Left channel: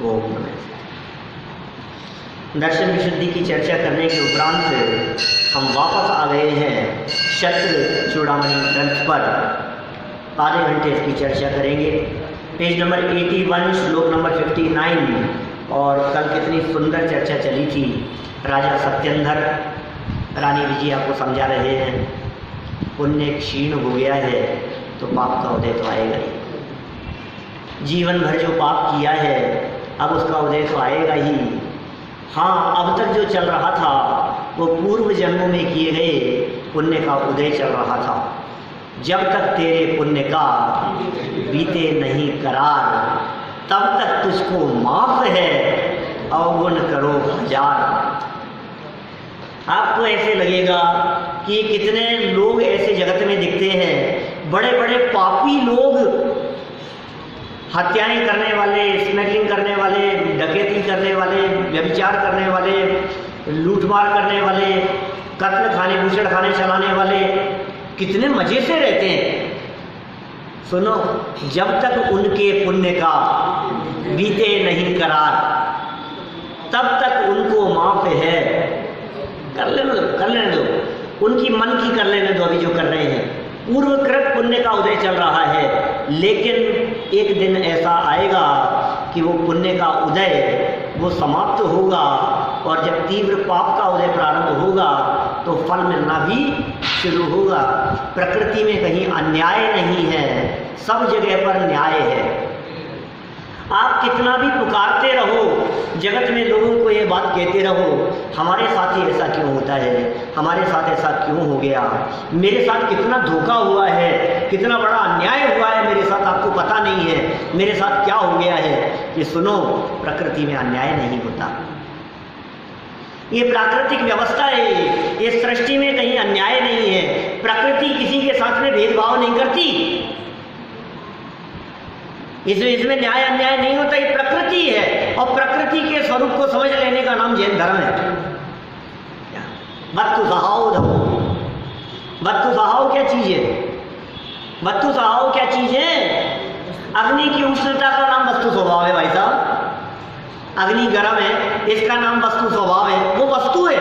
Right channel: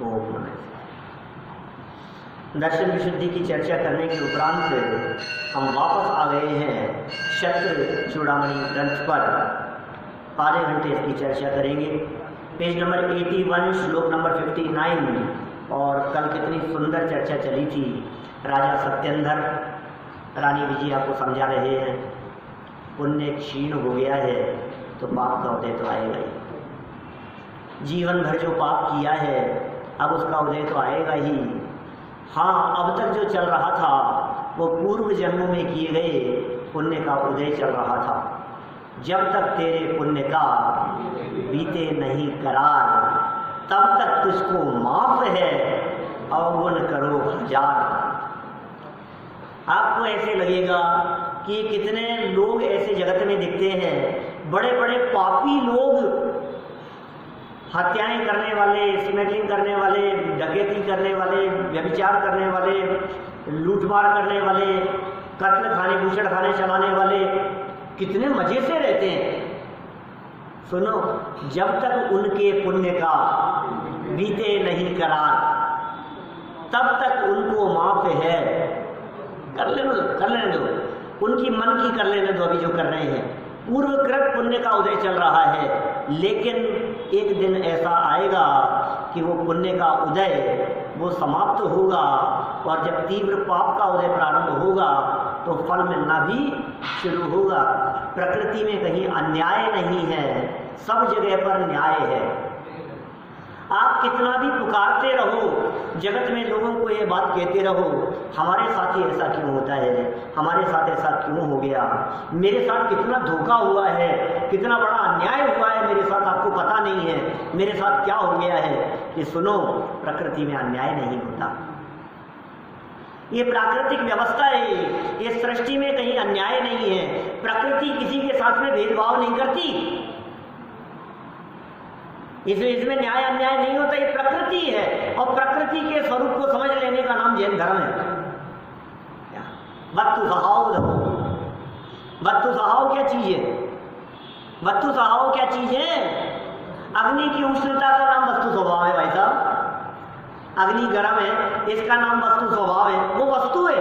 ओम नमः। दर्शन विशुद्धि की चर्चा करने के उपरांत हम वापस आ गए हैं शत्र चूड़ामणि ग्रंथ पर। आधे घंटे इसकी चर्चा करेंगे। पेज नंबर 81 श्लोक नंबर 59। और कल कितनी सुंदर चर्चा चली थी। राजा सत्येंद्र रानी विजया को समझा रहे हैं पुण्य क्षीण हो गया है तो पाप का उदय तो आएगा ही। जीवन भर जो पाप किया है अब उसका उदय तो आएगा ही। हाँ, अब तक जो चल रहा था वो पूर्व जन्मों में किए गए पुण्य का उदय चल रहा था। जब तक तेरे पुण्य का बीते नहीं करार तब तक तुझको माफ है अवगुण करो हजार। आपको ऐसे लगेगा कि कितने लोग ऐसे जगत में दिखते हैं, बड़े बड़े पापी लोग, हत्याएं करने वाले, स्मगलिंग करने वाले, डकैती करने वाले, व्यभिचार करने वाले, लूटमार करने वाले, कत्ल खाने भूषण खाने चलाने वाले, कितने मजे से रहते हैं। सुनो, जब तक उनके पुण्य का बीते नहीं करार तब तक उनको माफ है। कर लेने दो, उनकी मन की कर लेने दो। अभी जो कर रहे हैं पूर्वकृत पुण्य का उदय चल रहा है, लेकिन एक दिन ऐसा आएगा कि वो पुण्य का उदय वो समाप्त होगा और जब तीव्र पाप का उदय प्रारंभ होगा तो फल मिलना भी शुरू होगा। प्रकृति में कहीं अन्याय नहीं है, सब जगह पर न्याय है। आप कितना भी पुकारते रहो, जगत में लोगों को ये बात कहते रहो, हमारे साथ ही ऐसा क्यों होता है, हमारे साथ ऐसा क्यों हो गया, मेरे साथ कितना धोखा हुआ है, कितना बड़ा अन्याय हुआ है मेरे साथ, आपको पता नहीं है मेरे साथ क्या हो गया है। ये सुनो, प्रकृति में अन्याय नहीं होता। ये प्राकृतिक व्यवस्था है, ये सृष्टि में कहीं अन्याय नहीं है। प्रकृति किसी के साथ में भेदभाव नहीं करती, इसमें न्याय अन्याय नहीं होता। ये प्रकृति है और प्रकृति के स्वरूप को समझ लेने का नाम जैन धर्म है। वस्तु सहाव धर्म। वस्तु सहाव क्या चीज है? वस्तु सहाव क्या चीज है? अग्नि की उष्णता का नाम वस्तु स्वभाव है भाई साहब। अग्नि गर्म है, इसका नाम वस्तु स्वभाव है, वो वस्तु है।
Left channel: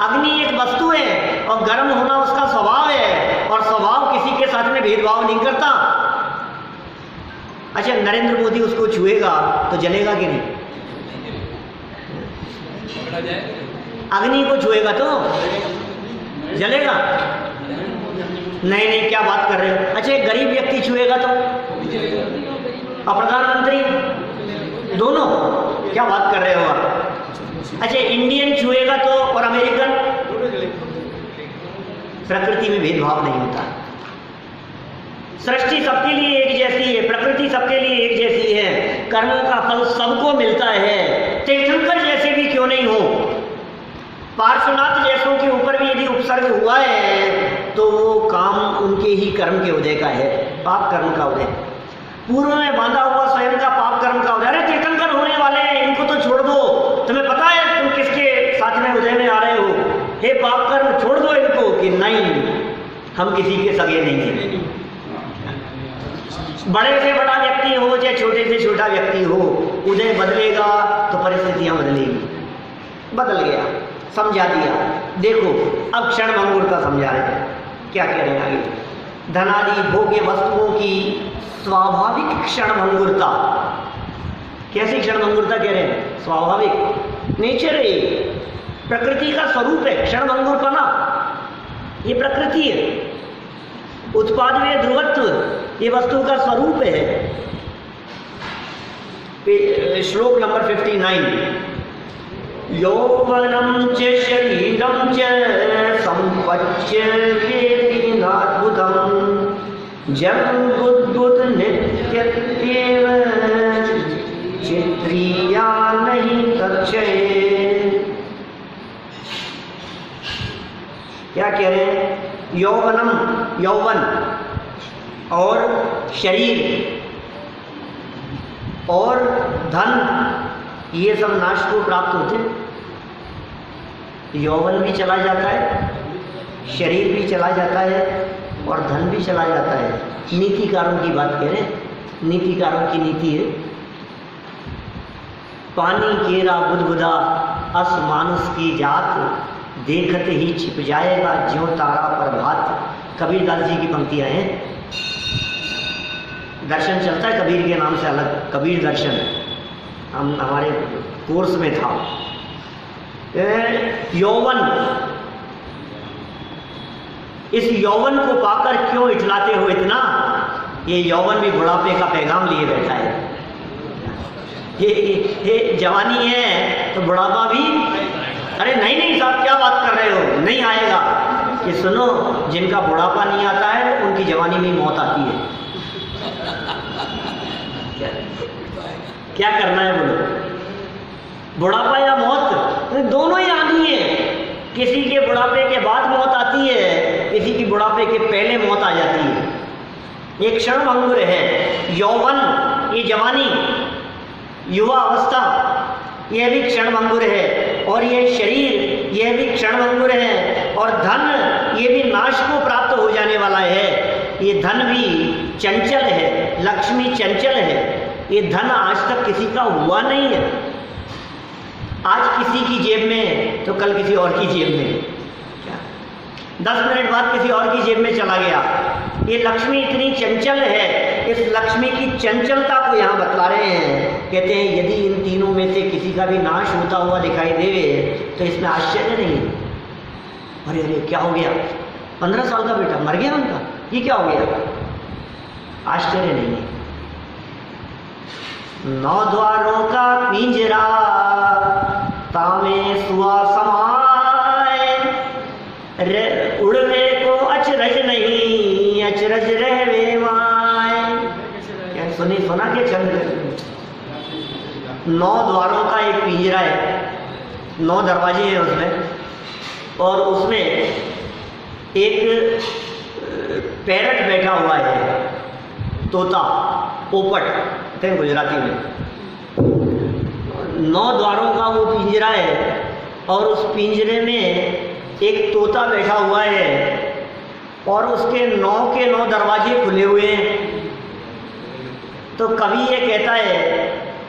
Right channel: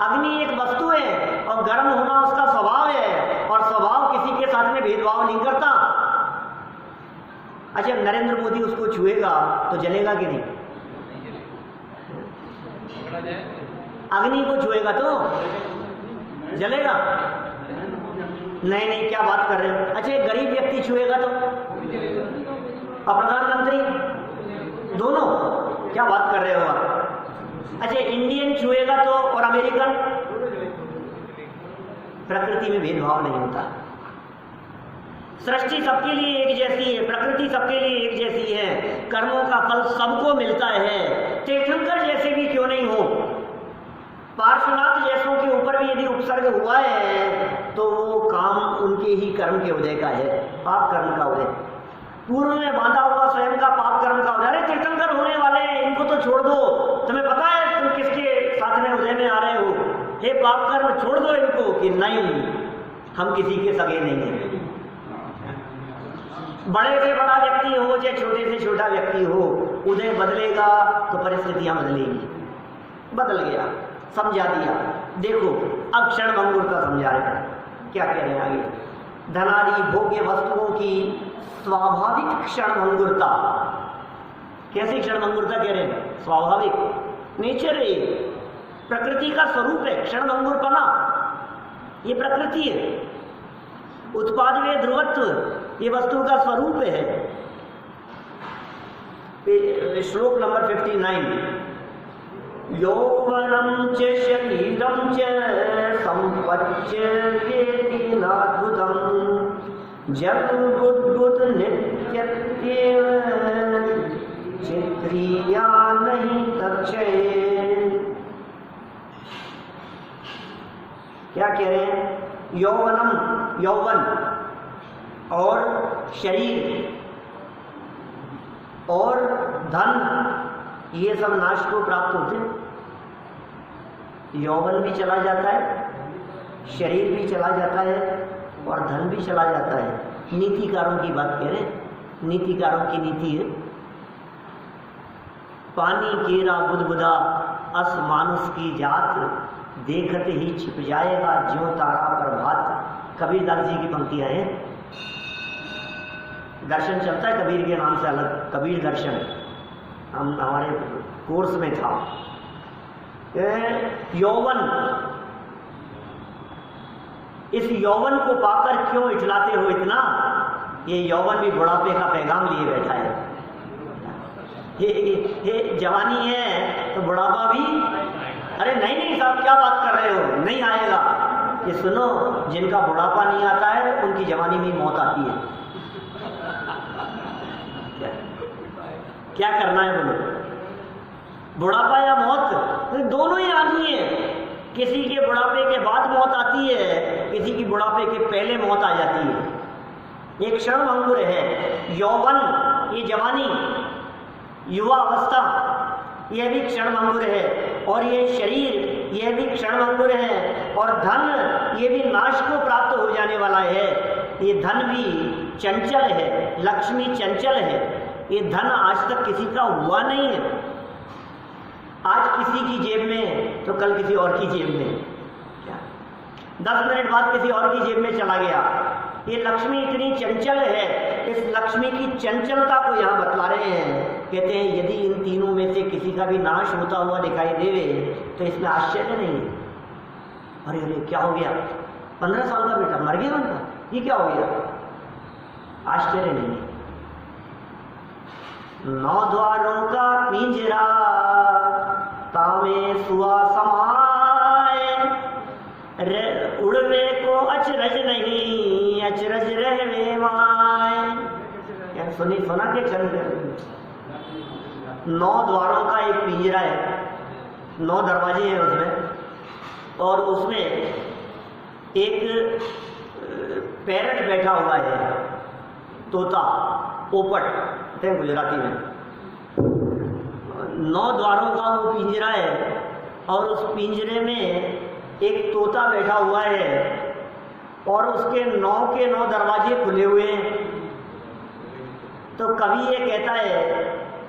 अग्नि एक वस्तु है और गर्म होना उसका स्वभाव है, और स्वभाव किसी के साथ में भेदभाव नहीं करता। अच्छा, नरेंद्र मोदी उसको छुएगा तो जलेगा कि नहीं? अग्नि को छुएगा तो जलेगा? नहीं, क्या बात कर रहे हो? अच्छा, एक गरीब व्यक्ति छुएगा तो? और प्रधानमंत्री? दोनों? क्या बात कर रहे हो आप? अच्छा, इंडियन छुएगा तो और अमेरिकन? प्रकृति में भेदभाव नहीं होता। सृष्टि सबके लिए एक जैसी है, प्रकृति सबके लिए एक जैसी है, कर्मों का फल सबको मिलता है। तीर्थंकर जैसे भी क्यों नहीं हो, पार्श्वनाथ जैसों के ऊपर भी यदि उपसर्ग हुआ है तो वो काम उनके ही कर्म के उदय का है, पाप कर्म का उदय। पूर्व में बांधा हुआ स्वयं का पाप कर्म का उदय। अरे तीर्थंकर होने वाले हैं, इनको तो छोड़ दो, तुम्हें पता है तुम किसके साथ में उदय में आ रहे हो, हे पाप कर्म छोड़ दो इनको। कि नहीं, हम किसी के सगे नहीं हैं। बड़े से बड़ा व्यक्ति हो चाहे छोटे से छोटा व्यक्ति हो, उदय बदलेगा तो परिस्थितियां बदलेगी। बदल गया, समझा दिया। देखो अब क्षण भंगुरता समझा रहे हैं, क्या कह रहे हैं आगे? धनादि भोग्य वस्तुओं की स्वाभाविक क्षण भंगुरता। कैसी क्षण भंगुरता कह रहे हैं? स्वाभाविक, नेचर है, प्रकृति का स्वरूप है। क्षण भंगुरपना ये प्रकृति है। उत्पाद व ध्रुवत्व ये वस्तु का स्वरूप है। श्लोक नंबर 59। यौवनं च शरीरं च संपच्यते नाद्भुतं जगद्भुत नित्यत्वेव चित्रिया नहीं तक्षये। क्या कह रहे हैं? यौवनम, यौवन और शरीर और धन ये सब नाश को प्राप्त होते हैं। यौवन भी चला जाता है, शरीर भी चला जाता है और धन भी चला जाता है। नीतिकारों की बात कह रहे हैं, नीतिकारों की नीति है पानी केरा बुदबुदा अस मानुष की जात, देखते ही छिप जाएगा ज्यों तारा प्रभात। कबीरदास जी की पंक्तियां हैं। दर्शन चलता है कबीर के नाम से अलग, कबीर दर्शन हम हमारे कोर्स में था। यौवन, इस यौवन को पाकर क्यों इठलाते हो इतना? ये यौवन भी बुढ़ापे का पैगाम लिए बैठा है। ये जवानी है तो बुढ़ापा भी, अरे नहीं नहीं साहब क्या बात कर रहे हो, नहीं आएगा। ये सुनो, जिनका बुढ़ापा नहीं आता है उनकी जवानी में मौत आती है। क्या करना है बोलो, बुढ़ापा या मौत, तो दोनों ही आनी है। किसी के बुढ़ापे के बाद मौत आती है, किसी की बुढ़ापे के पहले मौत आ जाती है। एक क्षण भंगुर है यौवन, ये जवानी, युवा अवस्था, यह भी क्षण भंगुर है। और ये शरीर, यह भी क्षण भंगुर है। और धन, ये भी नाश को प्राप्त हो जाने वाला है। ये धन भी चंचल है, लक्ष्मी चंचल है। ये धन आज तक किसी का हुआ नहीं है। आज किसी की जेब में तो कल किसी और की जेब में, क्या 10 मिनट बाद किसी और की जेब में चला गया। ये लक्ष्मी इतनी चंचल है, इस लक्ष्मी की चंचलता को यहाँ बतला रहे हैं। कहते हैं यदि इन तीनों में से किसी का भी नाश होता हुआ दिखाई देवे तो इसमें आश्चर्य नहीं। अरे अरे क्या हो गया, 15 साल का बेटा मर गया उनका, ये क्या हो गया? आश्चर्य नहीं है। 9 द्वारों का पिंजरा तामे सुआ समाए, उड़वे को अचरज नहीं, अचरज रहवे माए। क्या सुना क्या चंद्र? 9 द्वारों का एक पिंजरा है, 9 दरवाजे हैं उसमें, और उसमें एक पैरट बैठा हुआ है, तोता, पोपट कहते हैं गुजराती में। 9 द्वारों का वो पिंजरा है और उस पिंजरे में एक तोता बैठा हुआ है और उसके 9 के 9 दरवाजे खुले हुए हैं। तो कवि ये कहता है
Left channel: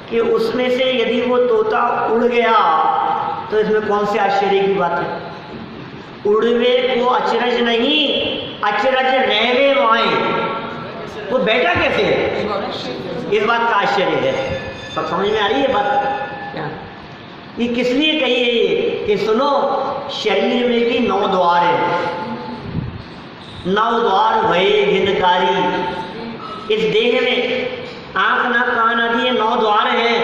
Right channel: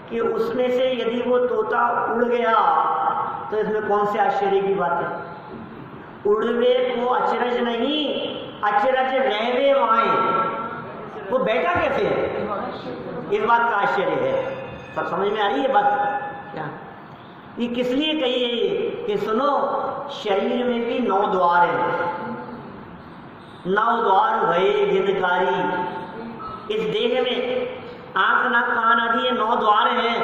कि उसमें से यदि वो तोता उड़ गया तो इसमें कौन से आश्चर्य की बात है? उड़वे को अचरज नहीं, अचरज रहवे माए। वो बैठा कैसे है, इस बात का आश्चर्य है। सब समझ में आ रही है बात? क्या ये किस लिए कही है ये कि सुनो, शरीर में भी 9 द्वार है। 9 द्वार भये घिनकारी। इस देह में आंख नाक कान आदि ये 9 द्वार हैं।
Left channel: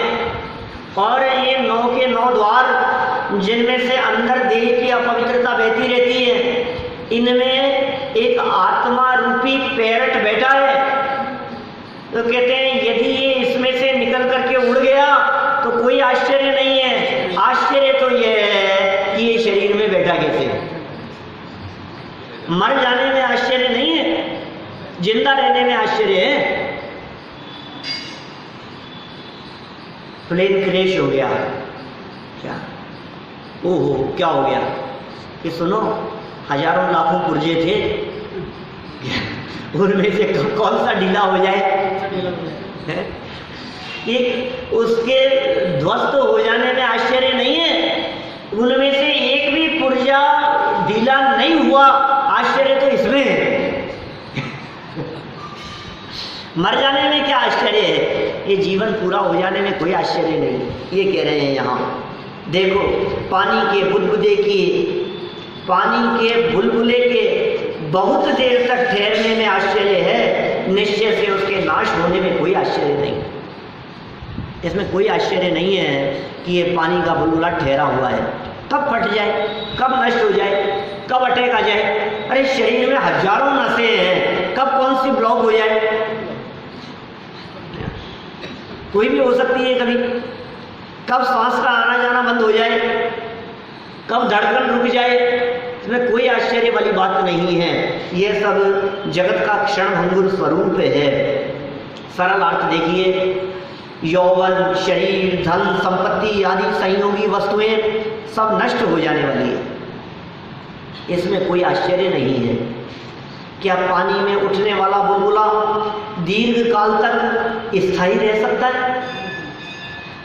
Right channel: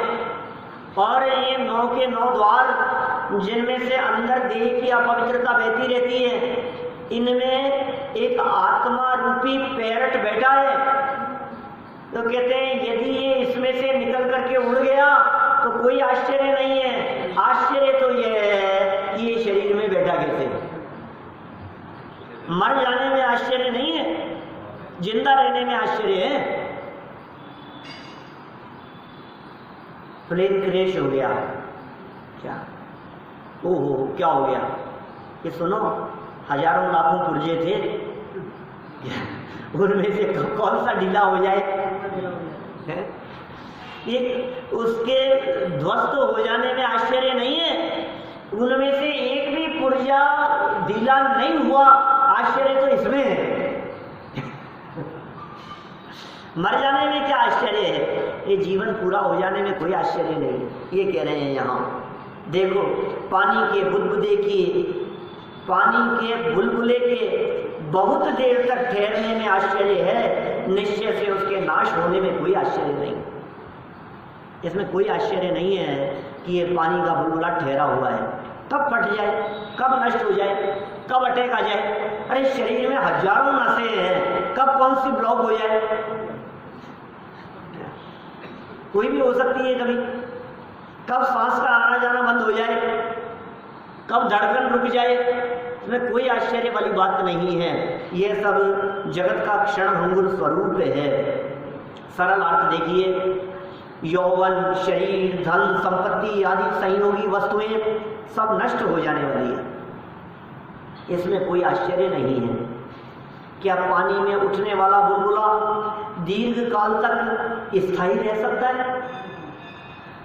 और ये 9 के 9 द्वार जिनमें से अंदर देह की अपवित्रता बहती रहती है, इनमें एक आत्मा रूपी पैरट बैठा है। तो कहते हैं यदि ये इसमें से निकल करके उड़ गया तो कोई आश्चर्य नहीं है। आश्चर्य तो ये है कि ये शरीर में बैठा कैसे। मर जाने में आश्चर्य नहीं है, जिंदा रहने में आश्चर्य है। प्लेन क्रैश हो गया, क्या ओहो क्या हो गया? कि सुनो, हजारों लाखों पुर्जे थे, उनमें से कौन सा ढीला हो जाए? एक उसके ध्वस्त हो जाने में आश्चर्य नहीं है। उनमें से एक भी पुर्जा ढीला नहीं हुआ, आश्चर्य तो इसमें है। मर जाने में क्या आश्चर्य है? ये जीवन पूरा हो जाने में कोई आश्चर्य नहीं। ये कह रहे हैं यहाँ, देखो पानी के बुलबुले के बहुत देर तक ठहरने में आश्चर्य है, निश्चय से उसके नाश होने में कोई आश्चर्य नहीं। इसमें कोई आश्चर्य नहीं है कि ये पानी का बुलबुला ठहरा हुआ है, कब फट जाए, कब नष्ट हो जाए, कब अटैक आ जाए। अरे शरीर में हजारों नसें हैं, कब कौन सी ब्लॉक हो जाए, कोई भी हो सकती है। कभी कब सांस का आना जाना बंद हो जाए, कब धड़कन रुक जाए, इसमें कोई आश्चर्य वाली बात नहीं है। यह सब जगत का क्षण भंगुर स्वरूप है। सरल अर्थ देखिए, यौवन, शरीर, धन, संपत्ति आदि संयोगी वस्तुएं सब नष्ट हो जाने वाली है, इसमें कोई आश्चर्य नहीं है। क्या पानी में उठने वाला बुलबुला दीर्घ काल तक स्थायी रह सकता है?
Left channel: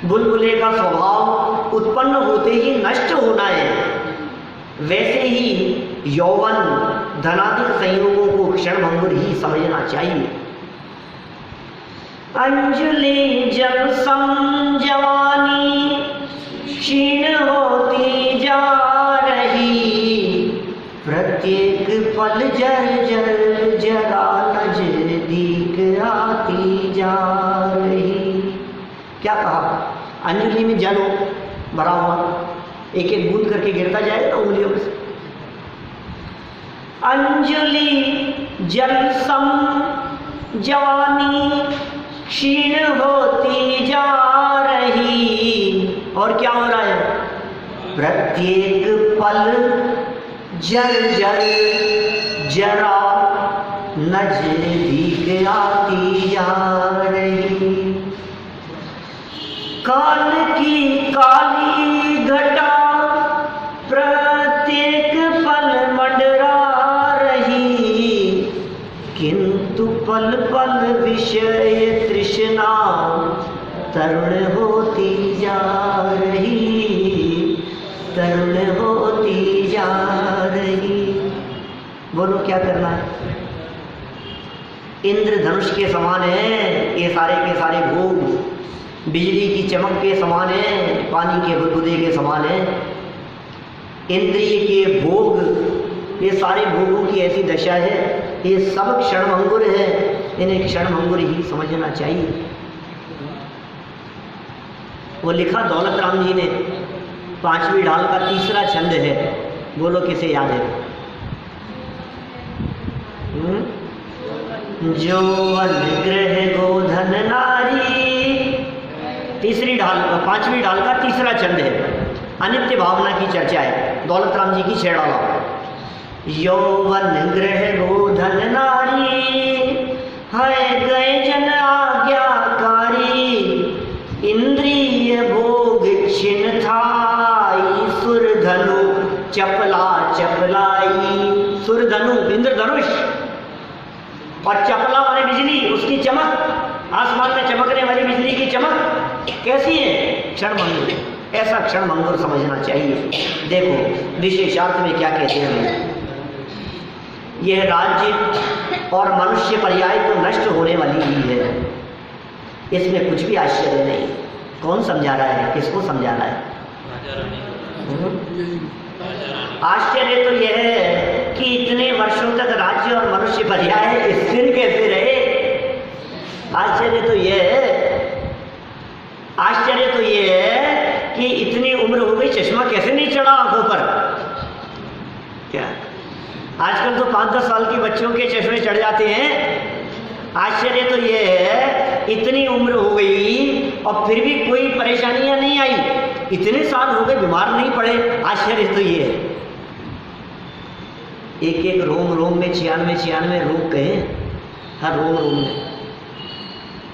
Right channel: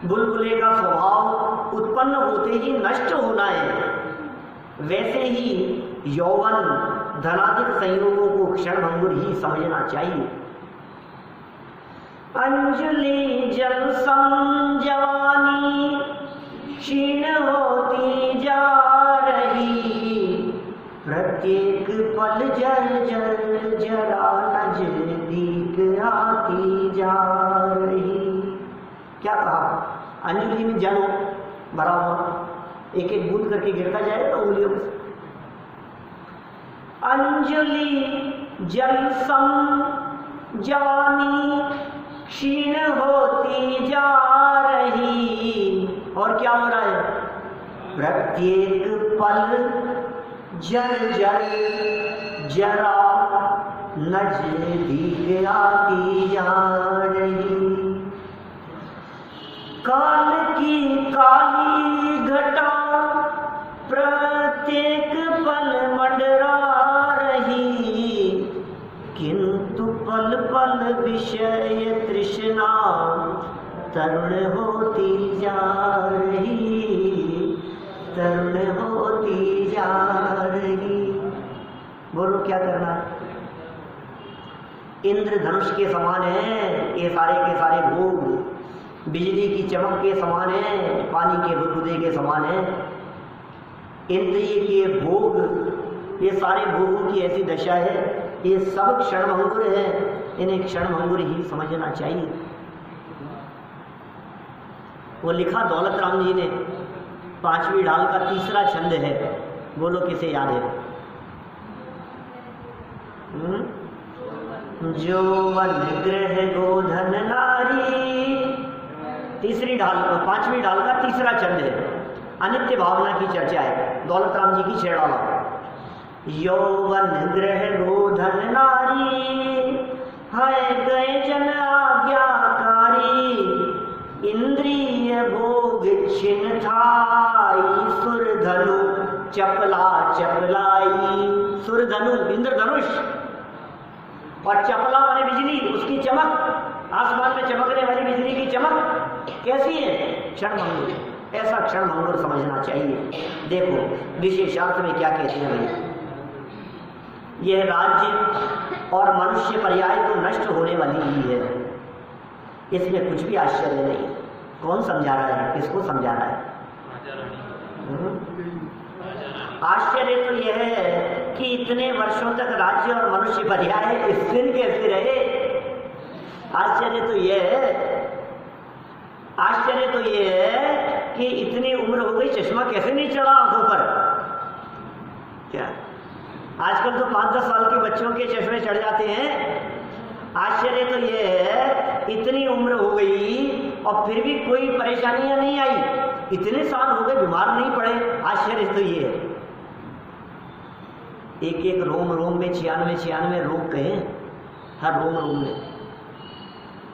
बुलबुले का स्वभाव उत्पन्न होते ही नष्ट होना है, वैसे ही यौवन धनाधिक संयोगों को क्षणभंगुर ही समझना चाहिए। अंजलि जब सम जवानी क्षीण होती जा रही, प्रत्येक पल जर जर जरा नजदीक आती जा रही। क्या कहा? अंजलि में जल भरा हुआ, एक एक बूंद करके गिरता जाएगा ना उंगलियों में से। अंजलि जल सम जवानी क्षीण होती जा रही, और क्या हो रहा है? प्रत्येक पल जल जल जरा नजदीक आती जा रही। काल की काली घटा प्रत्येक पल मंडरा रही, किंतु पल पल विषय तृष्णा तरुण होती जा रही, तरुण होती जा रही। बोलो क्या करना है? इंद्रधनुष के समान है ये सारे के सारे भोग, बिजली की चमक के समान है, पानी के बुदबुदे के समान है। इंद्रिय के भोग, ये सारे भोगों की ऐसी दशा है, ये सब क्षणभंगुर है, इन्हें क्षणभंगुर ही समझना चाहिए। वो लिखा दौलत राम जी ने, 5वीं ढाल का 3रा छंद है। बोलो किसे याद है? जो अनुग्रह गोधन नारी, 3री ढाल 5वीं ढाल का 3रा छंद है। अनित्य भावना की चर्चा है, दौलत राम जी की छेड़ाला। यौवन ग्रह गोधन नारी, है गए जन आज्ञाकारी, इंद्रिय भोग छिन थाई, सुरधनु चपला चपलाई। सुरधनु इंद्रधनुष, और चपला वाली बिजली, उसकी चमक, आसमान में चमकने वाली बिजली की चमक कैसी है? क्षणभंगुर। ऐसा क्षणभंगुर समझना चाहिए। देखो विशेषार्थ में क्या कहते हैं भाई, यह राज्य और मनुष्य पर्याय तो नष्ट होने वाली ही है, इसमें कुछ भी आश्चर्य नहीं। कौन समझा रहा है? किसको समझा रहा है? आश्चर्य तो यह है कि इतने वर्षों तक राज्य और मनुष्य पर्याय स्थिर कैसे रहे। आश्चर्य तो यह है कि इतनी उम्र हो गई, चश्मा कैसे नहीं चढ़ा आंखों पर। क्या आजकल तो 5-10 साल के बच्चों के चश्मे चढ़ जाते हैं। आश्चर्य तो यह है इतनी उम्र हो गई और फिर भी कोई परेशानियां नहीं आई, इतने साल हो गए बीमार नहीं पड़े। आश्चर्य तो ये है, एक एक रोम रोम में 96 रोग कहे, हर रोम रोम में।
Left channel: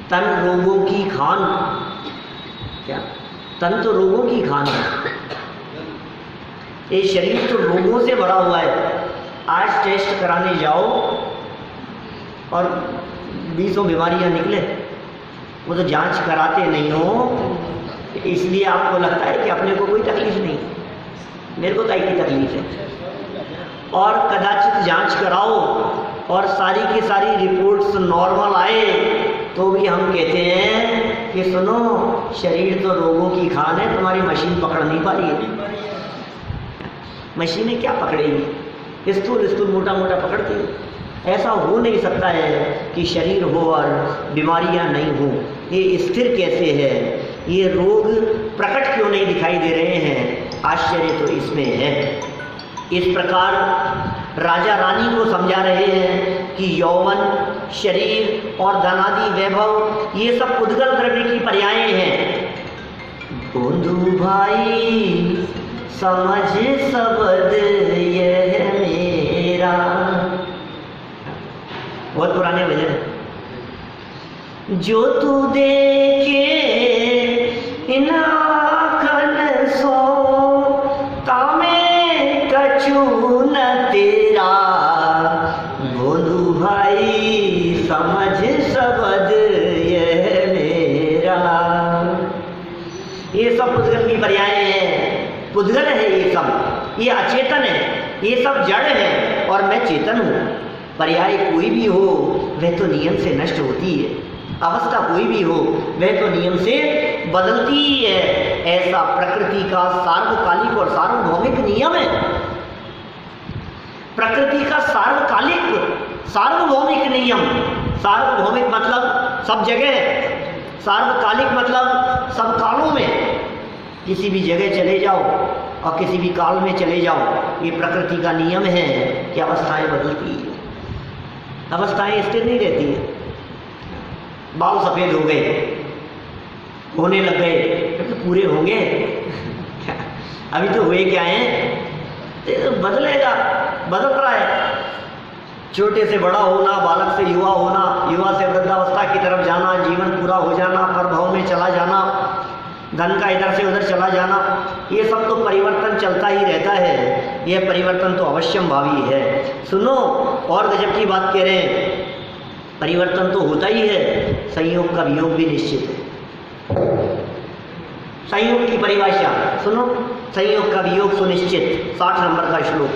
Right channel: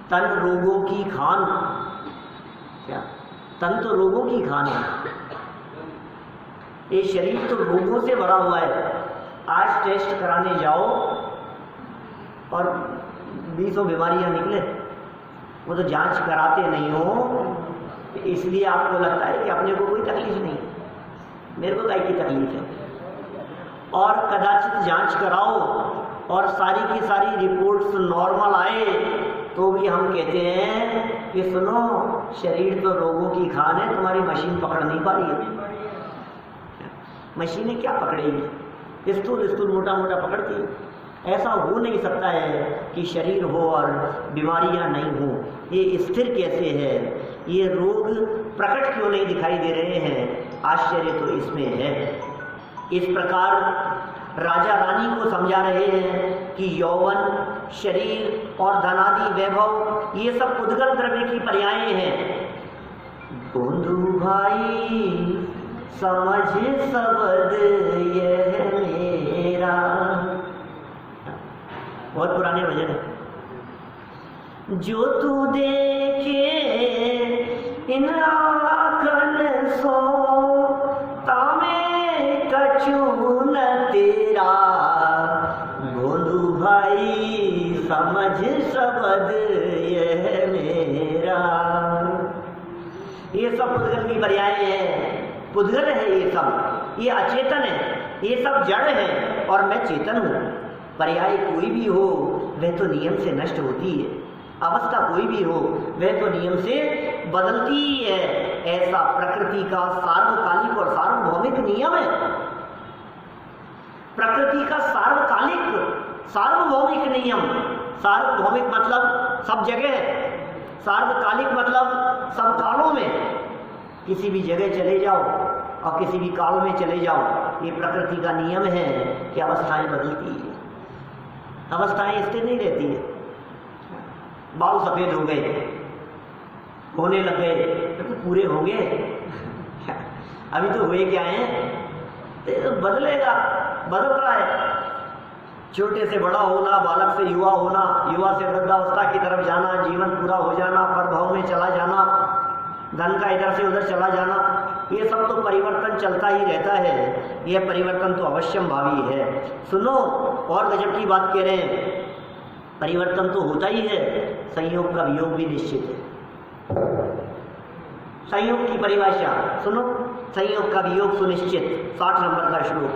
तन रोगों की खान, क्या तन तो रोगों की खान है, ये शरीर तो रोगों से भरा हुआ है। आज टेस्ट कराने जाओ और 20 बीमारियां निकले, वो तो जांच कराते नहीं हो, इसलिए आपको लगता है कि अपने को कोई तकलीफ नहीं, मेरे को काहे की तकलीफ है। और कदाचित जांच कराओ और सारी की सारी रिपोर्ट्स नॉर्मल आए तो भी हम कहते हैं कि सुनो, शरीर तो रोगों की खान है, तुम्हारी मशीन पकड़ नहीं पा रही है। मशीनें क्या पकड़ेगी? स्थूल मोटा मोटा पकड़ती है। ऐसा हो नहीं सकता है कि शरीर हो और बीमारियां नहीं हो। ये स्थिर कैसे है? ये रोग प्रकट क्यों नहीं दिखाई दे रहे हैं? आश्चर्य तो इसमें है। इस प्रकार राजा रानी को समझा रहे हैं कि यौवन, शरीर और धनादि वैभव ये सब उद्गल द्रव्य की पर्याय हैं। बंधु भाई समझ शब्द यह मेरा, बहुत पुराने भजन है। जो तू देखे इन आँखन सो, तामे कछु न तेरा, बंधु भाई समझ शब्द यह मेरा। ये सब पुद्गल की पर्याय है। पुद्गल है ये सब, ये अचेतन है, ये सब जड़ है और मैं चेतन हूँ। पर्याय कोई भी हो वह तो नियम से नष्ट होती है, अवस्था कोई भी हो वह तो नियम से बदलती ही है। ऐसा प्रकृति का सार्वकालिक और सार्वभौमिक नियम है। प्रकृति का सार्वकालिक सार्वभौमिक नियम, सार्वभौमिक मतलब सब जगह है, सार्वकालिक मतलब सब कालों में। किसी भी जगह चले जाओ और किसी भी काल में चले जाओ, ये प्रकृति का नियम है कि अवस्थाएं बदलती है, अवस्थाएं स्थिर नहीं रहती है। बाल सफेद हो गए, होने लग गए, तो पूरे होंगे अभी तो हुए क्या हैं, तो बदलेगा, बदल रहा है। छोटे से बड़ा होना, बालक से युवा होना, युवा से वृद्धावस्था की तरफ जाना, जीवन पूरा हो जाना, प्रभाव में चला जाना, धन का इधर से उधर चला जाना, ये सब तो परिवर्तन चलता ही रहता है। यह परिवर्तन तो अवश्यंभावी है। सुनो, और गजब की बात कह रहे हैं, परिवर्तन तो होता ही है, संयोग का वियोग भी निश्चित है। संयोग की परिभाषा सुनो, संयोग का वियोग सुनिश्चित। 60 नंबर का श्लोक,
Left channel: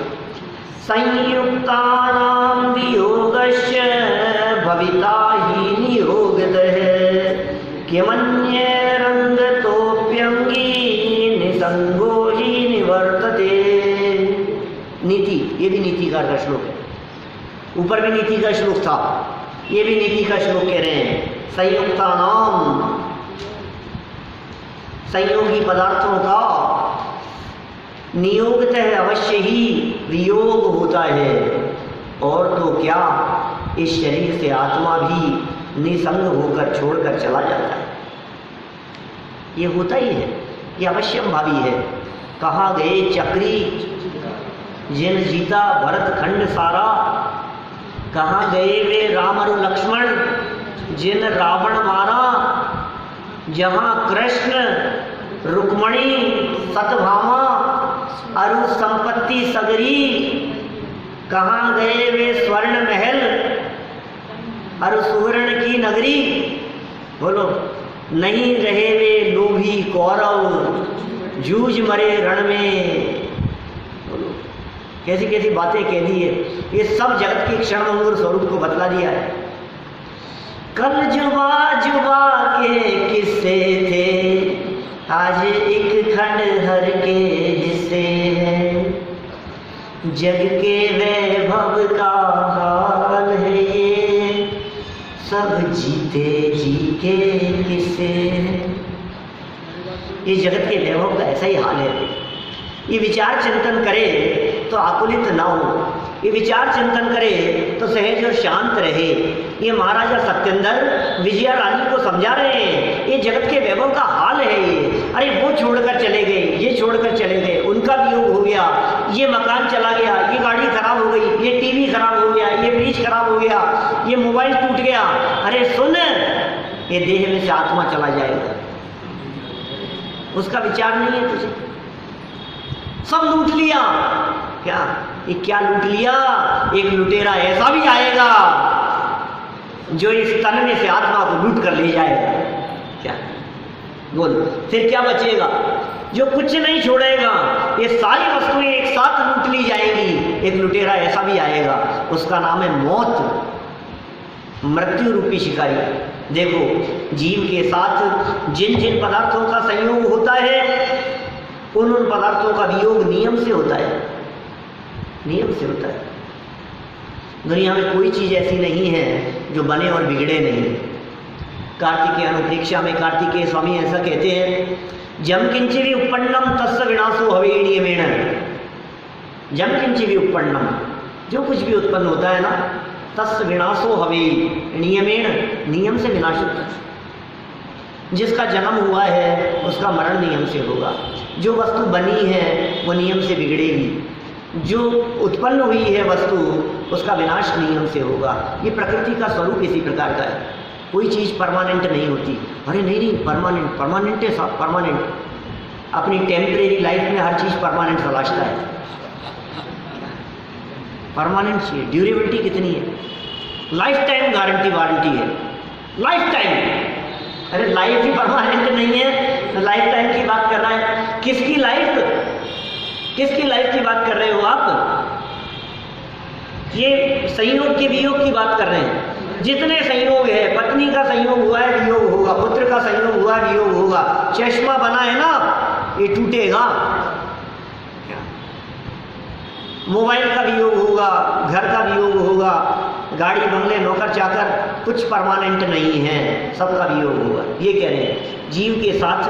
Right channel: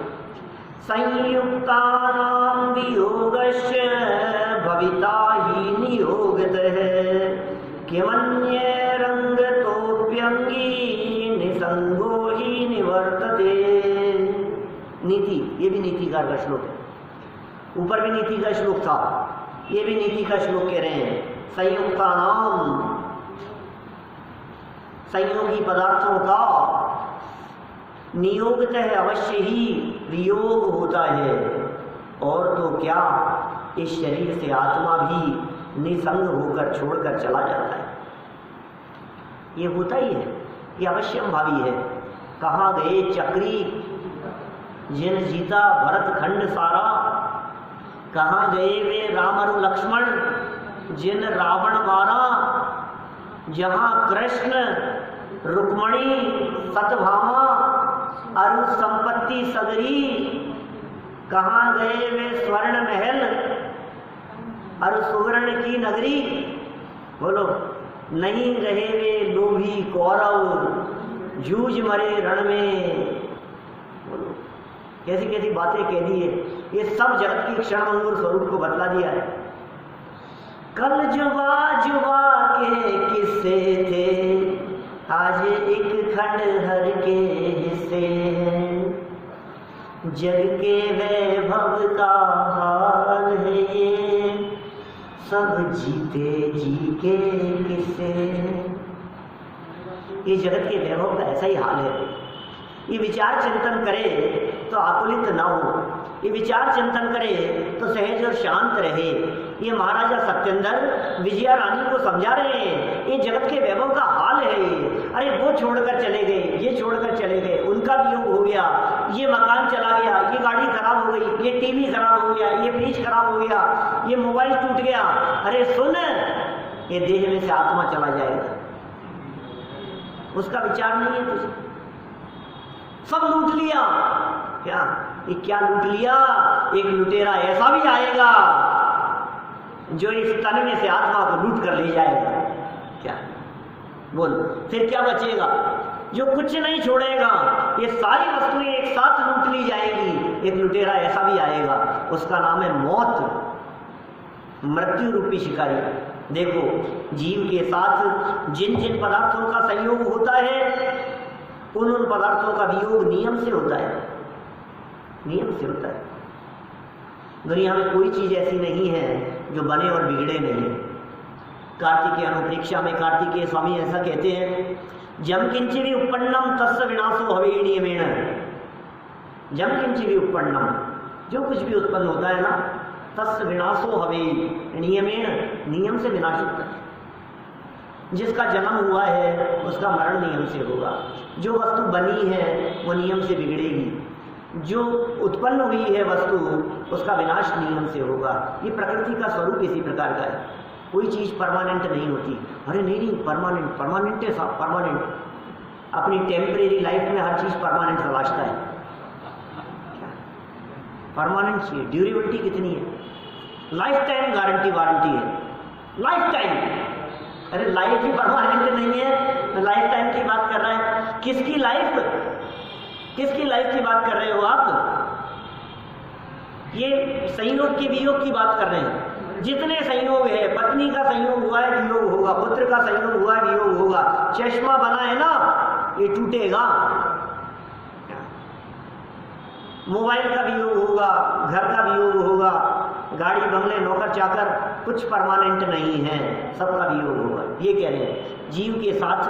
संयुक्तानां वियोगस्य भविता हि नियोगतः किमन्ये रंगतोप्यंगी निसंगो ही निवर्तते। नीति, ये भी नीतिकार का श्लोक है। ऊपर भी नीति का श्लोक था, ये भी नीति का श्लोक कह रहे हैं। संयुक्तानाम, संयोगी पदार्थों का नियोगतः अवश्य ही वियोग होता है। और तो क्या, इस शरीर से आत्मा भी निसंग होकर छोड़कर चला जाता है। ये होता ही है, ये अवश्यंभावी है। कहाँ गए चक्री जिन जीता भरत खंड सारा, कहाँ गए वे राम और लक्ष्मण जिन रावण मारा, जहाँ कृष्ण रुक्मणी सतभामा अरु संपत्ति सगरी, कहाँ गए वे स्वर्ण महल अरु सुवर्ण की नगरी। बोलो, नहीं रहे वे लोभी कौरव जूझ मरे रण में। बोलो, कैसी कैसी बातें कह दी है। ये सब जगत के क्षणभंगुर स्वरूप को बतला दिया है। कल जुबा जुबा के किस्से थे, आज एक खंडहर के हिस्से हैं। जग के वैभव का हाल है ये, सब जीते जी के किस्से। ये जगत के वैभव का ऐसा ही हाल है। ये विचार चिंतन करे तो आकुलित ना हो, ये विचार चिंतन करे तो सहज और शांत रहे। ये महाराजा सत्येंद्र विजया रानी को समझा रहे हैं, ये जगत के वैभव का हाल है ये। अरे वो छोड़कर चले गए, ये छोड़कर चले गए, उनका वियोग हो गया, ये मकान चला गया, ये गाड़ी खराब हो गई, ये टीवी खराब हो गया, ये फ्रिज खराब हो गया, ये मोबाइल टूट गया। अरे सुन, ये देह में से आत्मा चला जाएगा, उसका विचार नहीं है तुझे। सब लूट लिया, क्या ये क्या लूट लिया? एक लुटेरा ऐसा भी आएगा जो इस तन में से आत्मा को लूट कर ले जाएगा। क्या बोल, फिर क्या बचेगा? जो कुछ नहीं छोड़ेगा, ये सारी वस्तुएं एक साथ लूट ली जाएंगी। एक लुटेरा ऐसा भी आएगा, उसका नाम है मौत, मृत्यु रूपी शिकारी। देखो, जीव के साथ जिन जिन पदार्थों का संयोग होता है, उन पदार्थों का वियोग नियम से होता है, नियम से होता है। दुनिया में कोई चीज ऐसी नहीं है जो बने और बिगड़े नहीं। कार्तिकेय अनुप्रेक्षा में कार्तिकेय स्वामी ऐसा कहते हैं, जम किंचिवी उपन्नम तस्य विनाशो हवे नियमेण। जम किंचिवी उपन्नम, जो कुछ भी उत्पन्न होता है ना, तस्य विनाशो हवे नियमेण, नियम से विनाश होता है। जिसका जन्म हुआ है उसका मरण नियम से होगा। जो वस्तु बनी है वो नियम से बिगड़ेगी, जो उत्पन्न हुई है वस्तु उसका विनाश नियम से होगा। ये प्रकृति का स्वरूप इसी प्रकार का है। कोई चीज़ परमानेंट नहीं होती। अरे नहीं नहीं, परमानेंट, परमानेंट है साहब, परमानेंट। अपनी टेम्परेरी लाइफ में हर चीज़ परमानेंट तलाशता है। परमानेंट चाहिए, ड्यूरेबिलिटी कितनी है? लाइफ टाइम गारंटी वारंटी है, लाइफ टाइम। अरे लाइफ ही परमानेंट नहीं है तो लाइफ टाइम की बात किसकी लाइफ की बात कर रहे हो आप? ये संयोग के वियोग की बात कर रहे हैं। जितने संयोग है, पत्नी का संयोग हुआ है वियोग होगा, पुत्र का संयोग हुआ है वियोग होगा, चश्मा बना है ना ये टूटेगा, मोबाइल का वियोग होगा, घर का वियोग होगा, गाड़ी बंगले नौकर चाकर कुछ परमानेंट नहीं है, सबका वियोग होगा। ये कह रहे हैं जीव के साथ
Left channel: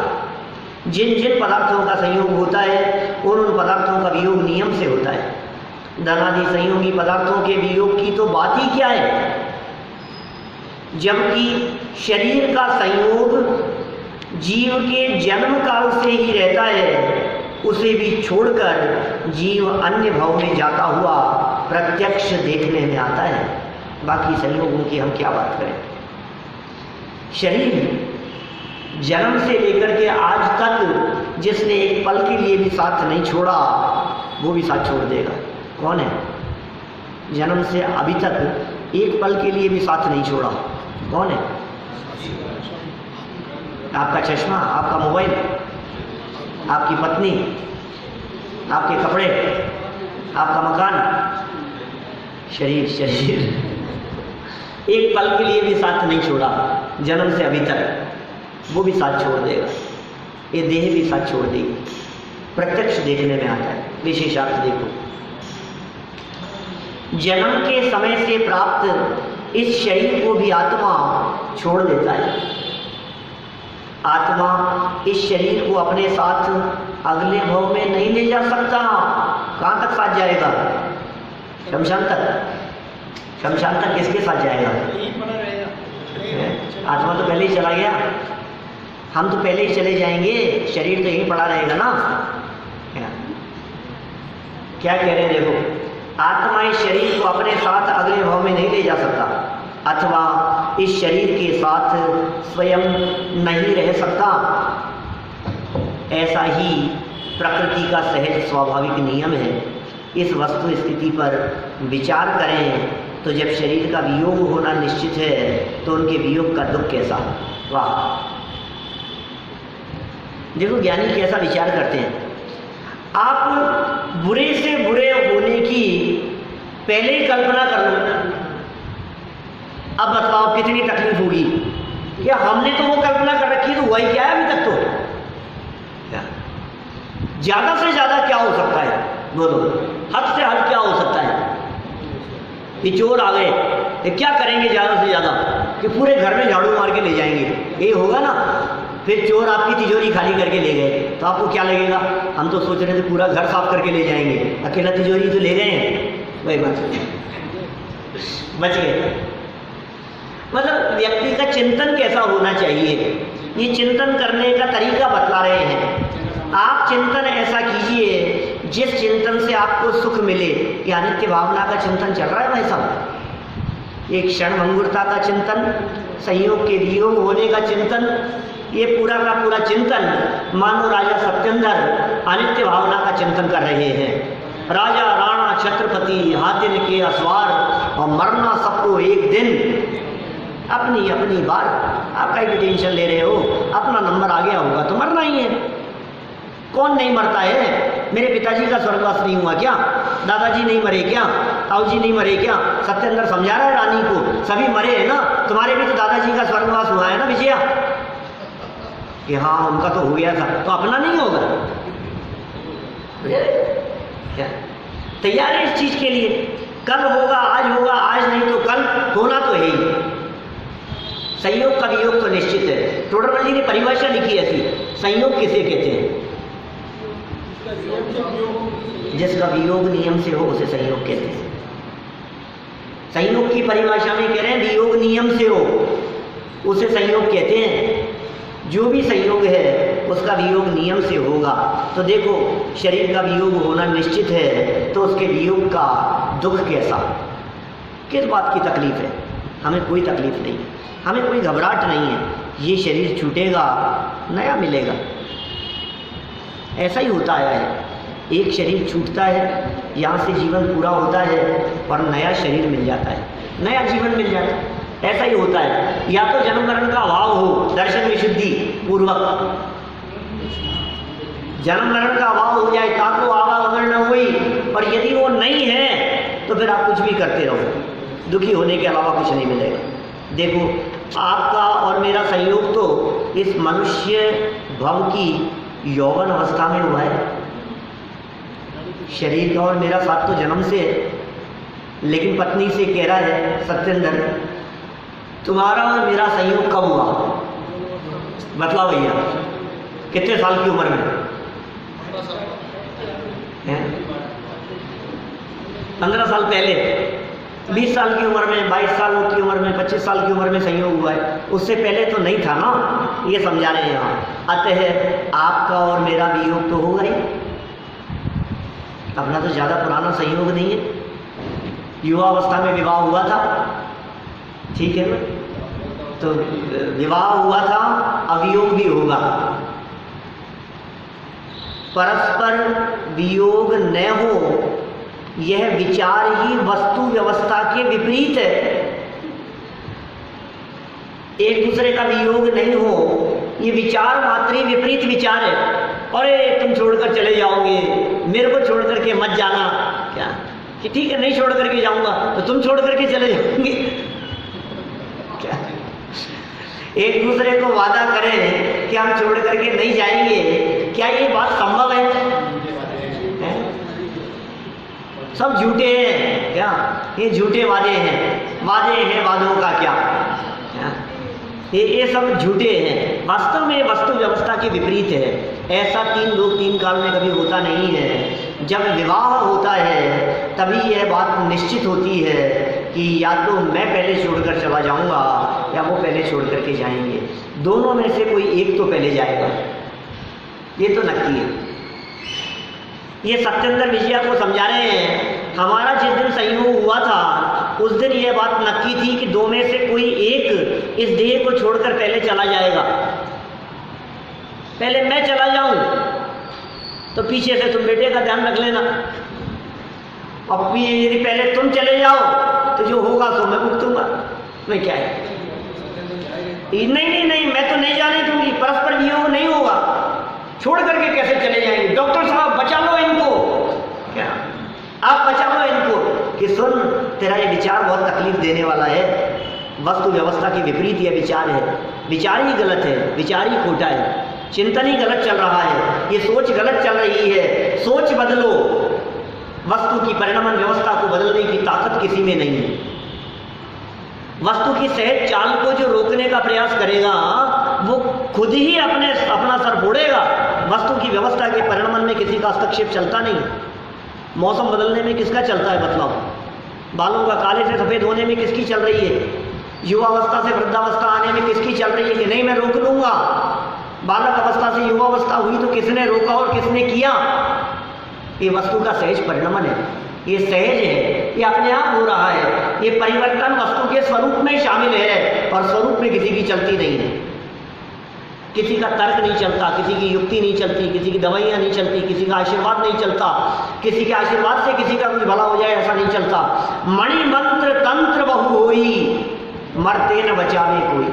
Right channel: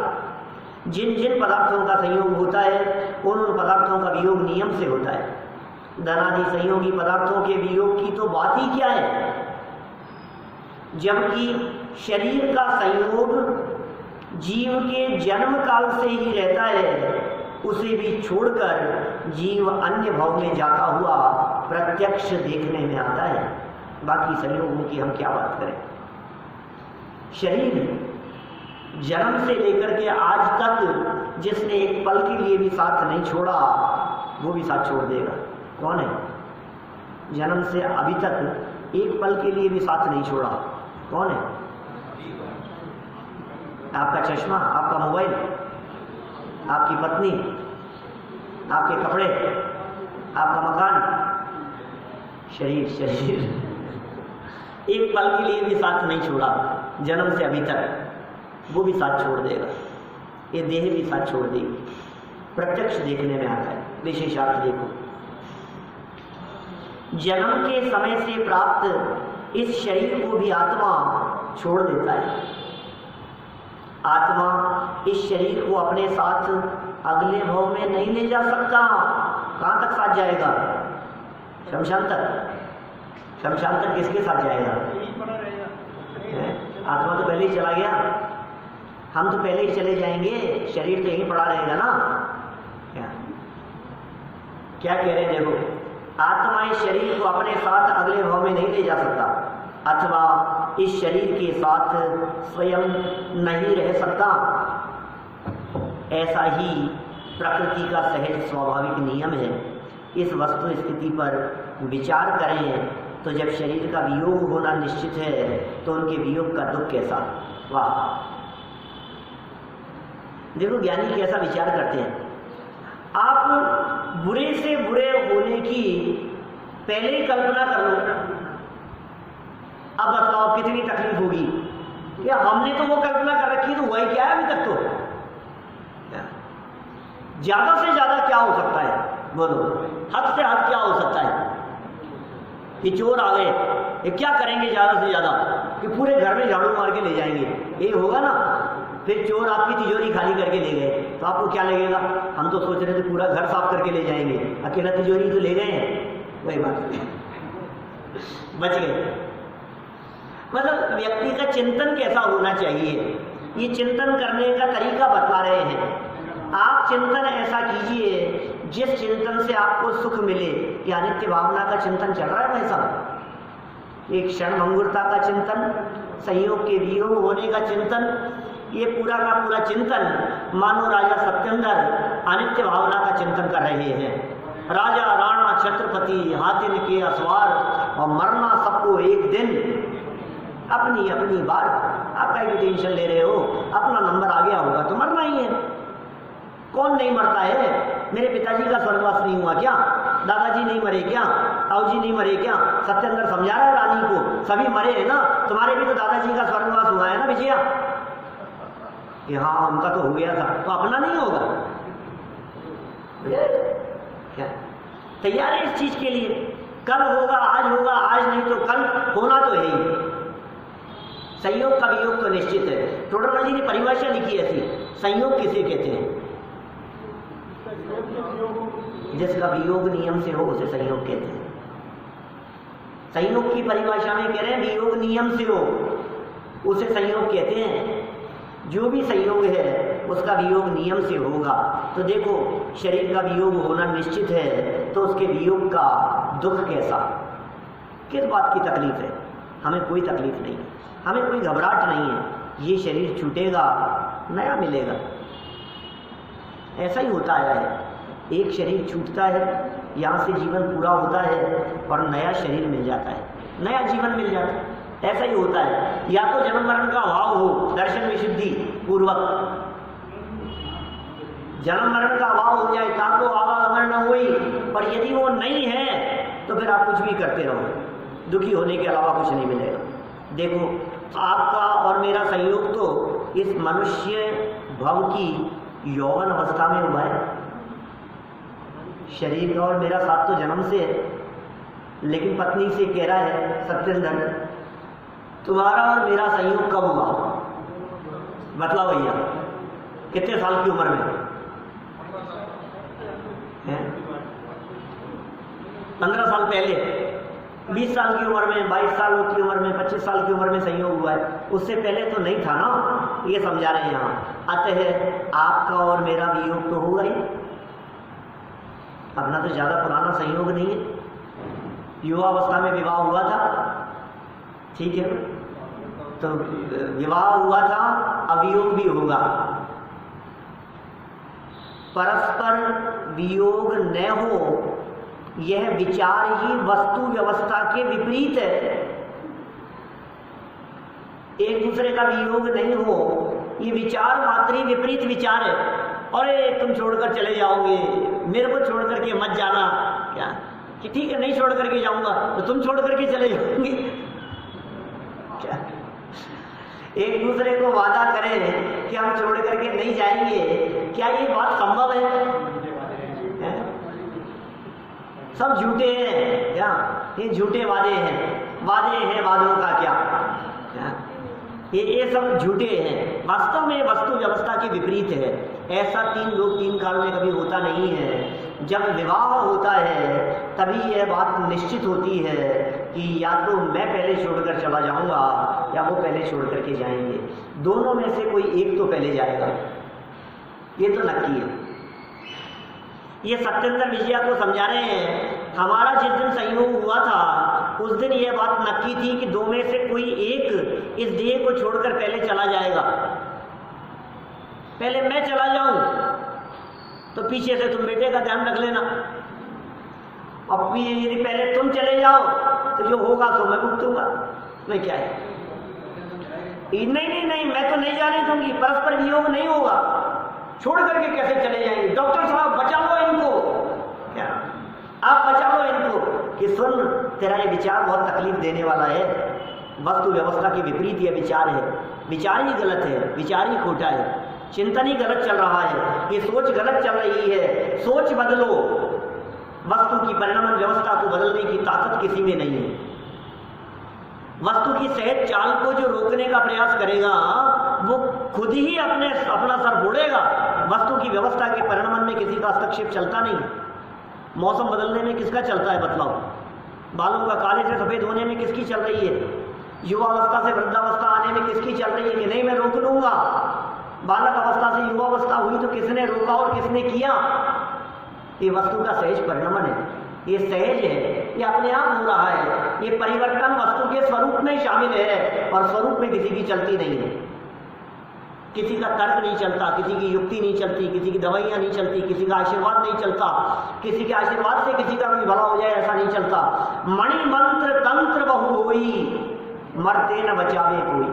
जिन जिन पदार्थों का संयोग होता है उन पदार्थों का वियोग नियम से होता है। धनादि संयोगी पदार्थों के वियोग की तो बात ही क्या है, जबकि शरीर का संयोग जीव के जन्म काल से ही रहता है, उसे भी छोड़कर जीव अन्य भाव में जाता हुआ प्रत्यक्ष देखने में आता है। बाकी संयोगों की हम क्या बात करें। शरीर जन्म से लेकर के आज तक जिसने एक पल के लिए भी साथ नहीं छोड़ा वो भी साथ छोड़ देगा। कौन है? जन्म से अभी तक एक पल के लिए भी साथ नहीं छोड़ा, कौन है? आपका चश्मा, आपका मोबाइल, आपकी पत्नी, आपके कपड़े, आपका मकान, शरीर एक पल के लिए भी साथ नहीं छोड़ा जन्म से अभी तक, वो भी साथ छोड़ देगा। ये देह भी साथ छोड़ देगी। प्रत्यक्ष देखने में आता है। विशेषार्थ देखो, जन्म के समय से प्राप्त इस शरीर को भी आत्मा छोड़ देता है। आत्मा इस शरीर को अपने साथ अगले भव में नहीं ले जा सकता। कहाँ तक साथ जाएगा? शमशान तक। शमशान तक किसके साथ जाएगा? आत्मा तो पहले ही चला गया, हम तो पहले ही चले जाएंगे, शरीर तो यहीं पड़ा रहेगा ना। क्या कह रहे हैं देखो, आत्मा इस शरीर को अपने साथ अगले भव में नहीं ले जा सकता, अथवा इस शरीर के साथ स्वयं नहीं रह सकता। ऐसा ही प्रकृति का सहज स्वाभाविक नियम है। इस वस्तु स्थिति पर विचार करें तो जब शरीर का वियोग होना निश्चित है तो उनके वियोग का दुख कैसा। वाह, देखो ज्ञानी कैसा विचार करते हैं। आप बुरे से बुरे होने की पहले ही कल्पना कर लो, अब बताओ कितनी तकलीफ होगी। क्या हमने तो वो कल्पना कर रखी है, तो वही क्या है अभी तक। तो ज्यादा से ज्यादा क्या हो सकता है, बोलो, हद से हद क्या हो सकता है कि चोर आ गए, ये क्या करेंगे ज्यादा से ज्यादा कि पूरे घर में झाड़ू मार के ले जाएंगे, ये होगा ना। फिर चोर आपकी तिजोरी खाली करके ले गए तो आपको क्या लगेगा? हम तो सोच रहे थे पूरा घर साफ करके ले जाएंगे, अकेला तिजोरी तो ले गए हैं, वही बात बच गए। मतलब व्यक्ति का चिंतन कैसा होना चाहिए, ये चिंतन करने का तरीका बतला रहे हैं। आप चिंतन ऐसा कीजिए जिस चिंतन से आपको सुख मिले। या नित्य भावना का चिंतन चल रहा है भाई साहब, एक क्षण भंगुरता का चिंतन, संयोग के वियोग होने का चिंतन, ये पूरा का पूरा चिंतन मानो राजा सत्येंद्र अनित्य भावना का चिंतन कर रहे हैं। राजा राणा छत्रपति हाथिन के असवार और मरना सबको एक दिन, अपनी अपनी बार। आप काहे की टेंशन ले रहे हो? अपना नंबर आ गया होगा तो मरना ही है। कौन नहीं मरता है? मेरे पिताजी का स्वर्गवास नहीं हुआ क्या? दादाजी नहीं मरे क्या? ताऊ जी नहीं मरे क्या? सत्येंद्र समझा रहा है रानी को, सभी मरे हैं ना। तुम्हारे भी तो दादाजी का स्वर्गवास हुआ है ना विजया, कि हाँ उनका तो हो गया था, तो अपना नहीं होगा क्या? तैयार है इस चीज के लिए? कल होगा, आज होगा, आज नहीं तो कल होना तो है ही। संयोग का वियोग तो निश्चित है। टोडरमल जी ने परिभाषा लिखी ऐसी, संयोग किसे कहते हैं? जिसका वियोग नियम से हो उसे संयोग कहते हैं। संयोग की परिभाषा में कह रहे हैं वियोग नियम से हो उसे संयोग कहते हैं। जो भी संयोग है उसका वियोग नियम से होगा। तो देखो शरीर का वियोग होना निश्चित है तो उसके वियोग का दुख कैसा, किस बात की तकलीफ है? हमें कोई तकलीफ नहीं, हमें कोई घबराहट नहीं है। ये शरीर छूटेगा, नया मिलेगा। ऐसा ही होता आया है, एक शरीर छूटता है, यहाँ से जीवन पूरा होता है और नया शरीर मिल जाता है, नया जीवन मिल जाता है। ऐसा ही होता है। या तो जन्म मरण का अभाव हो, दर्शन विशुद्धि पूर्वक, जन्म मरण का अभाव हो जाए ताको आवागमन न हुई, और यदि वो नहीं है तो फिर आप कुछ भी करते रहो, दुखी होने के अलावा कुछ नहीं मिलेगा। देखो आपका और मेरा संयोग तो इस मनुष्य भव की यौवन अवस्था में हुआ है। शरीर का और मेरा साथ तो जन्म से है, लेकिन पत्नी से कह रहा है सत्येंद्र तुम्हारा और मेरा संयोग कब हुआ? बताओ भैया, कितने साल की उम्र में? 15 साल पहले, 20 साल की उम्र में, 22 साल की उम्र में, 25 साल की उम्र में संयोग हुआ है। उससे पहले तो नहीं था ना, ये समझा रहे हैं यहाँ। अतः आपका और मेरा वियोग तो होगा ही, अपना तो ज़्यादा पुराना संयोग नहीं है। युवा अवस्था में विवाह हुआ था, ठीक है ना, तो विवाह हुआ था, अवियोग भी होगा। परस्पर वियोग न हो यह विचार ही वस्तु व्यवस्था के विपरीत है। एक दूसरे का वियोग नहीं हो, ये विचार मात्र ही विपरीत विचार है। अरे तुम छोड़कर चले जाओगे, मेरे को छोड़ करके मत जाना, क्या कि ठीक है नहीं छोड़ करके जाऊंगा तो तुम छोड़ करके चले जाओगे क्या? एक दूसरे को वादा करें कि हम छोड़ करके नहीं जाएंगे, क्या ये बात संभव है? सब झूठे हैं क्या? ये झूठे वादे हैं, वादे हैं वादों का क्या? ये सब झूठे हैं। वास्तव में वस्तु व्यवस्था के विपरीत है। ऐसा तीन लोग तीन काल में कभी होता नहीं है। जब विवाह होता है तभी यह बात निश्चित होती है कि या तो मैं पहले छोड़कर चला जाऊंगा या वो पहले छोड़ करके जाएंगे। दोनों में से कोई एक तो पहले जाएगा, ये तो नक्की है। ये सत्येंद्र विजया को समझा रहे हैं, हमारा जिस दिन संयोग हुआ था उस दिन ये बात नक्की थी कि दो में से कोई एक इस देह को छोड़कर पहले चला जाएगा। पहले मैं चला जाऊं तो पीछे से तुम बेटे का ध्यान रख लेना, अब भी यदि पहले तुम चले जाओ तो जो होगा तो मैं भुगतूंगा। मैं क्या है, नहीं, मैं तो नहीं जाने दूंगी, परस्पर वियोग नहीं होगा। छोड़ करके कैसे चले जाएंगे? डॉक्टर साहब बचा लो इनको, क्या आप बचा लो इनको कि सुन तेरा ये विचार बहुत तकलीफ देने वाला है। वस्तु व्यवस्था के विपरीत यह विचार है, विचार ही गलत है, विचार ही खोटा है, चिंतन ही गलत चल रहा है, ये सोच गलत चल रही है। सोच बदलो। वस्तु की परिणमन व्यवस्था को बदलने की ताकत किसी में नहीं है। वस्तु की सहज चाल को जो रोकने का प्रयास करेगा वो खुद ही अपना सर फोड़ेगा। वस्तु की व्यवस्था के परिणमन में किसी का हस्तक्षेप चलता नहीं। मौसम बदलने में किसका चलता है बतलाओ? बालों का काले से सफेद होने में किसकी चल रही है? युवावस्था से वृद्धावस्था आने में किसकी चल रही है कि नहीं मैं रोक लूंगा? बालक अवस्था से युवावस्था हुई तो किसने रोका और किसने किया? ये वस्तु का सहज परिणमन है, ये सहज है, ये अपने आप हो रहा है। ये परिवर्तन वस्तु के स्वरूप में शामिल है और स्वरूप में किसी की चलती नहीं है। किसी का तर्क नहीं चलता, किसी की युक्ति नहीं चलती, किसी की दवाइयाँ नहीं चलती, किसी का आशीर्वाद नहीं चलता, किसी के आशीर्वाद से किसी का कोई भला हो जाए ऐसा नहीं चलता। मणि मंत्र तंत्र बहु होई, मरते न बचावे कोई।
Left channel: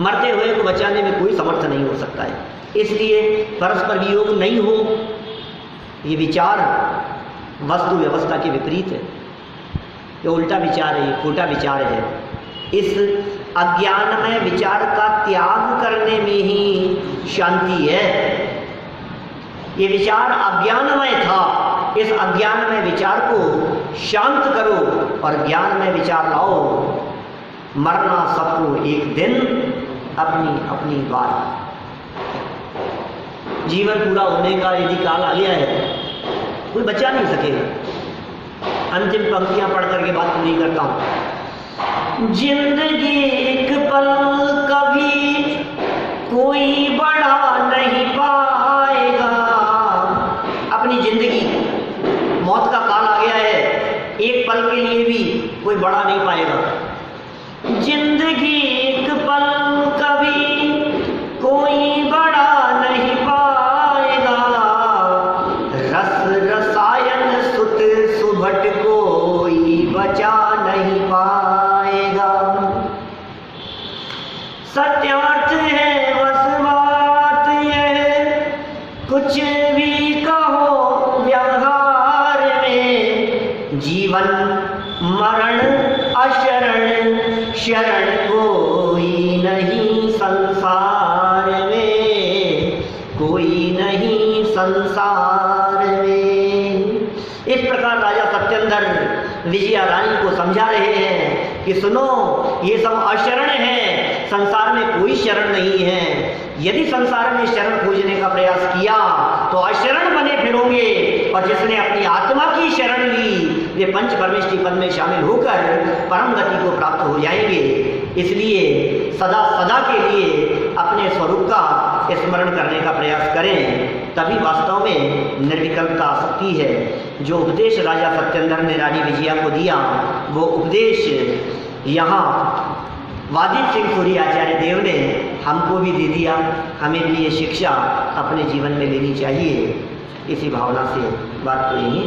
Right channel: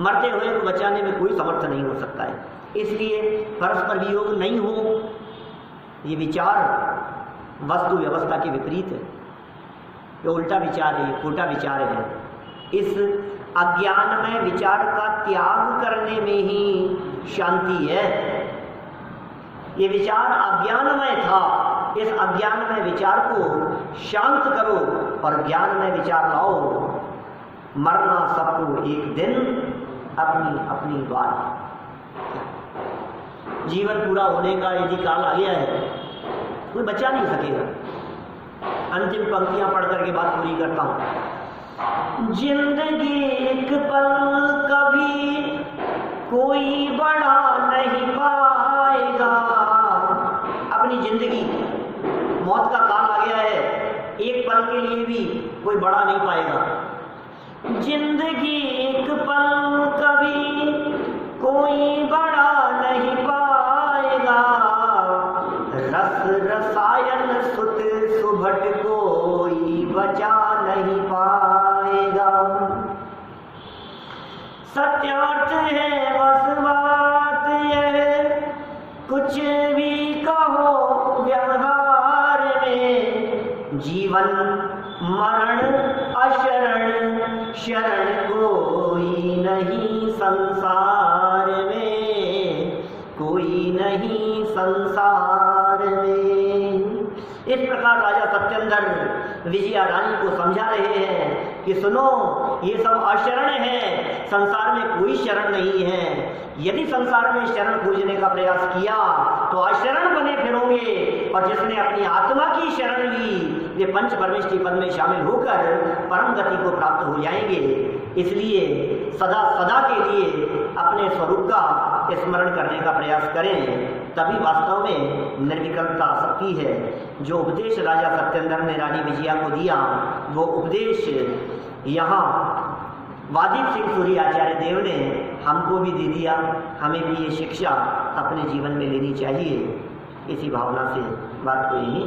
मरते हुए को बचाने में कोई समर्थ नहीं हो सकता है। इसलिए परस्पर वियोग नहीं हो, ये विचार वस्तु व्यवस्था के विपरीत है, ये उल्टा विचार है, ये खोटा विचार है। इस अज्ञानमय विचार का त्याग करने में ही शांति है। ये विचार अज्ञानमय था, इस अज्ञानमय विचार को शांत करो और ज्ञानमय विचार लाओ। मरना सबको एक दिन, अपनी अपनी बात। जीवन पूरा होने का यदि काल आ गया है कोई बचा नहीं सकेगा। अंतिम पंक्तियां पढ़ करके बात पूरी करता हूं। जिंदगी एक पल कभी कोई बढ़ा नहीं पाएगा। अपनी जिंदगी, मौत का काल आ गया है, एक पल के लिए भी कोई बढ़ा नहीं पाएगा। जिंदगी एक पल कभी कोई बढ़ा नहीं पाएगा। रस रसायन सुत सुभट कोई बचा नहीं पाएगा। सत्यार्थ है वसवा कुछ भी कहो व्यवहार में, जीवन मरण अशरण, शरण कोई नहीं संसार में, कोई नहीं संसार में। इस प्रकार राजा सत्येंद्र विजया रानी को समझा रहे हैं कि सुनो, ये सब अशरण है, संसार में कोई शरण नहीं है। यदि संसार में शरण खोजने का प्रयास किया तो अशरण बने फिरोगे, और जिसने अपनी आत्मा की शरण ली वे पंच परमेष्टि पद में शामिल होकर परम गति को प्राप्त हो जाएंगे। इसलिए सदा सदा के लिए अपने स्वरूप का स्मरण करने का प्रयास करें, तभी वास्तव में निर्विकल्पता आ सकती है। जो उपदेश राजा सत्येंद्र ने रानी विजया को दिया, वो उपदेश यहाँ वादित सिंह सूरी आचार्य देव ने हमको भी दे दिया। हमें भी ये शिक्षा अपने जीवन में लेनी चाहिए। इसी भावना से बात को यहीं